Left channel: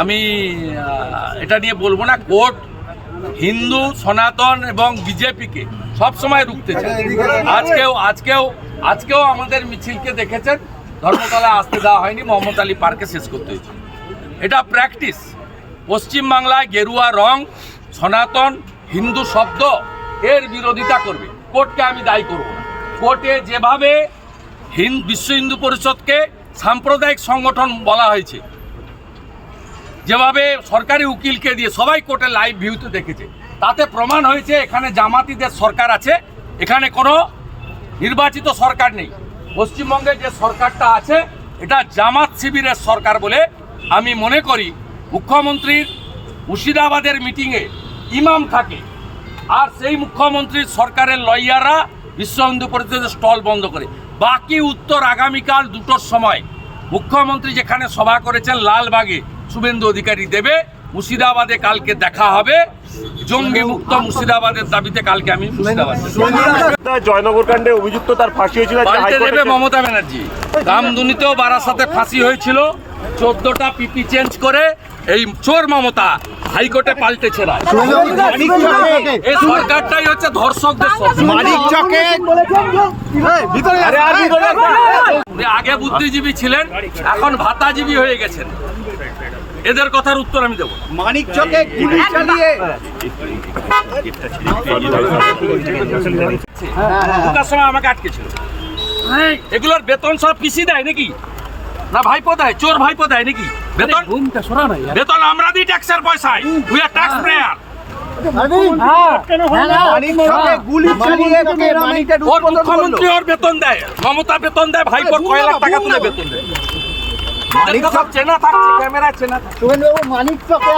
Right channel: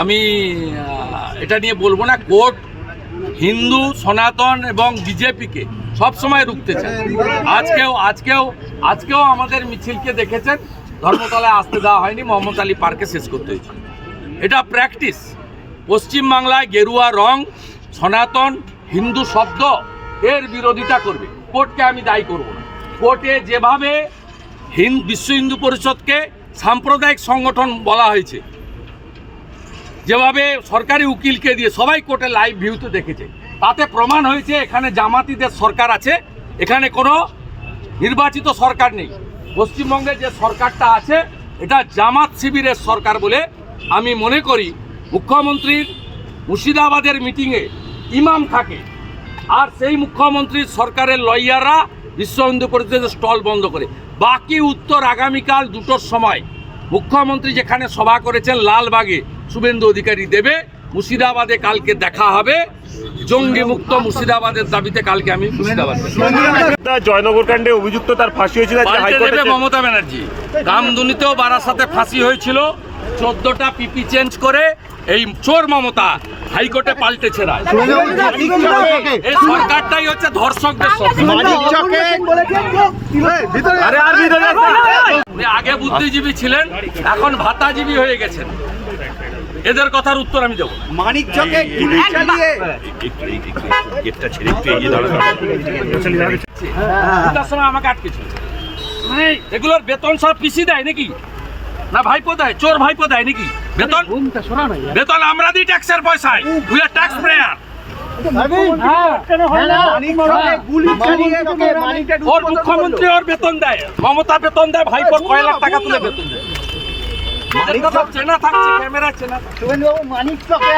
আমি এটা নিয়ে বলব না, কোর্ট হিন্দু, সনাতন এবং বিজেপিকে সবসময় রুখতে চায়। আজকেও আজকেও আজকেও আমাদের মিছিলকে দেখেছেন, ধর্মতলায় আসতে দেওয়া হয়নি, মোহাম্মদ আলী পার্কে শেষ করতে হয়েছে। এটা প্র্যাকটিস। পশ্চিমবাংলায় গেরুয়া রং, সনাতন, হিন্দু শব্দ, এর বিরোধিতা করবে। কোর্টকে আমি দায়ী করব না। কোর্টে যেভাবে হিন্দ বিশ্ব হিন্দু পরিষদকে সাম্প্রদায়িক সংগঠন বলা হয়েছে যেভাবে সরকারি উকিলকে দিয়ে সবাই কোর্টে লাইভ ভিউতে দেখেছে, তাতে প্রমাণ হয়েছে এখানে জামাতিদের সরকার আছে, এখানে কোনো নির্বাচিত সরকার নেই। পশ্চিমবঙ্গে যে সরকারটা আছে, এটা জামাত শিবিরের সরকার বলে আমি মনে করি। মুখ্যমন্ত্রীর মুর্শিদাবাদের মিটিংয়ে ইমাম থাকে, আর সেই মুখ্যমন্ত্রীর সরকারের লয়াররা বিশ্ব হিন্দু পরিষদের স্টল বন্ধ করে। বাকি উত্তর আগামীকাল দুটোর সময় মুখ্যমন্ত্রী যেখানে সভা করেছেন লালবাগে শুভেন্দু অধিকারী দেবে মুর্শিদাবাদে কালকে দেখা হবে। জঙ্গি মুক্ত মুর্শিদাবাদের দাবিতে কালকে আমি মুর্শিদাবাদ জয়নগর কাণ্ডে অভিযুক্ত তার ফাঁসি হয়েছিল পাল্টে দেবে মমতা ব্যানার্জি। রামদুনিতেও বারাসাতে ফাঁসি হয়েছিল। চোদ্দটা পিপি চেঞ্জ করে এই চোর মমতা হাইকোর্টে পাল্টেছে রায়। এই সরকারটাই হচ্ছে ধর্ষকদের আগে বুদ্ধিজীবী ছিলেন এখন ভাতাজীবী হয়ে গেছেন। এদের কথার উত্তর আমি দেবো। মানিক চকে গুলি চালিয়ে ঢুকার সময় আমাকে আটকেছিল। এগুলোর বেতন সব পিসি দেয় নাকি? না ভাইপো দেয়? চোর ভাইপো দেয় নাকি? বেতন? বেতন আমরা দিই ট্যাক্সের পয়সায়। উই আর ট্যাক্স প্রেয়ার ওর মুখ্যমন্ত্রী ওর বেতন দেয়। মমতা বেতন দেয় ভাইপোর কয় লাখ টাকা তুলে বেতন দেয়। সব চেনা থাকছে ক্যামেরা চেনা থাকছে। মানিক চকে